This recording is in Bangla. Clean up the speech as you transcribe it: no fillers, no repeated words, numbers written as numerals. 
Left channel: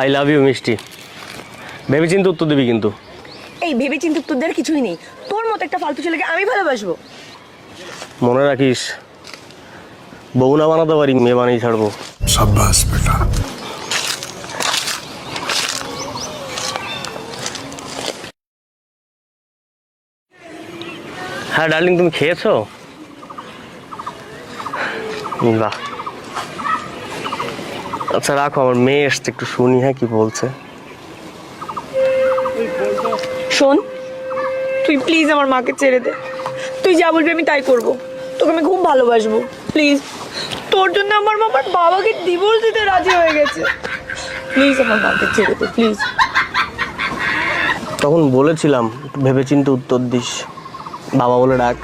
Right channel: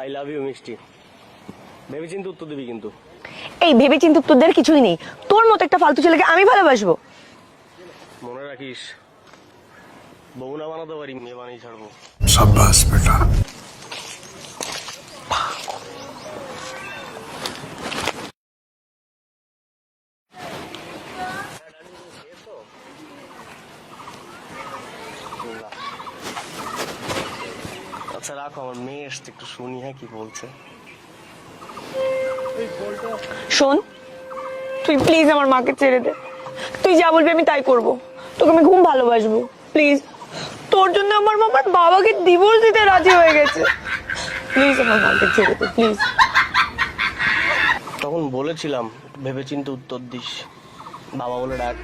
আই লাভ ইউ মিষ্টি। ভেবেচিন্তে উত্তর দিবি কিন্তু। এই ভেবেচিন্তে উত্তর দেওয়ার কিছুই নেই। তোর মতো একটা ফালতু ছেলেকে আমি ভালোবাসবো? মনে রাখিস, বউ না বানাতে পারি, মেয়ে বানিয়ে ছাড়বো। शाबाश बेटा। হ্যাঁ ডার্লিং, তুমি খেয়েছো? বাহ, আচ্ছা রাখো, আমার মেয়ে এসছে, একটু শুনি হ্যাঁ কি বলছে। শোন, তুই প্লিজ আমার মাকে ছেড়ে দে। তুই যা বলবি আমি তাই করব। তোকে আমি খুব ভালোবাসবো, প্লিজ। তোর জন্য আমার বাবার বাবাকে ডিভোর্স দিতে রাজি হয়ে গেছে। প্লিজ আমার মাকে ছেড়ে দে, প্লিজ। তখন বলেছিলাম একটু ভেবেচিন্তে উত্তর দিস, বাবা বলে ডাক।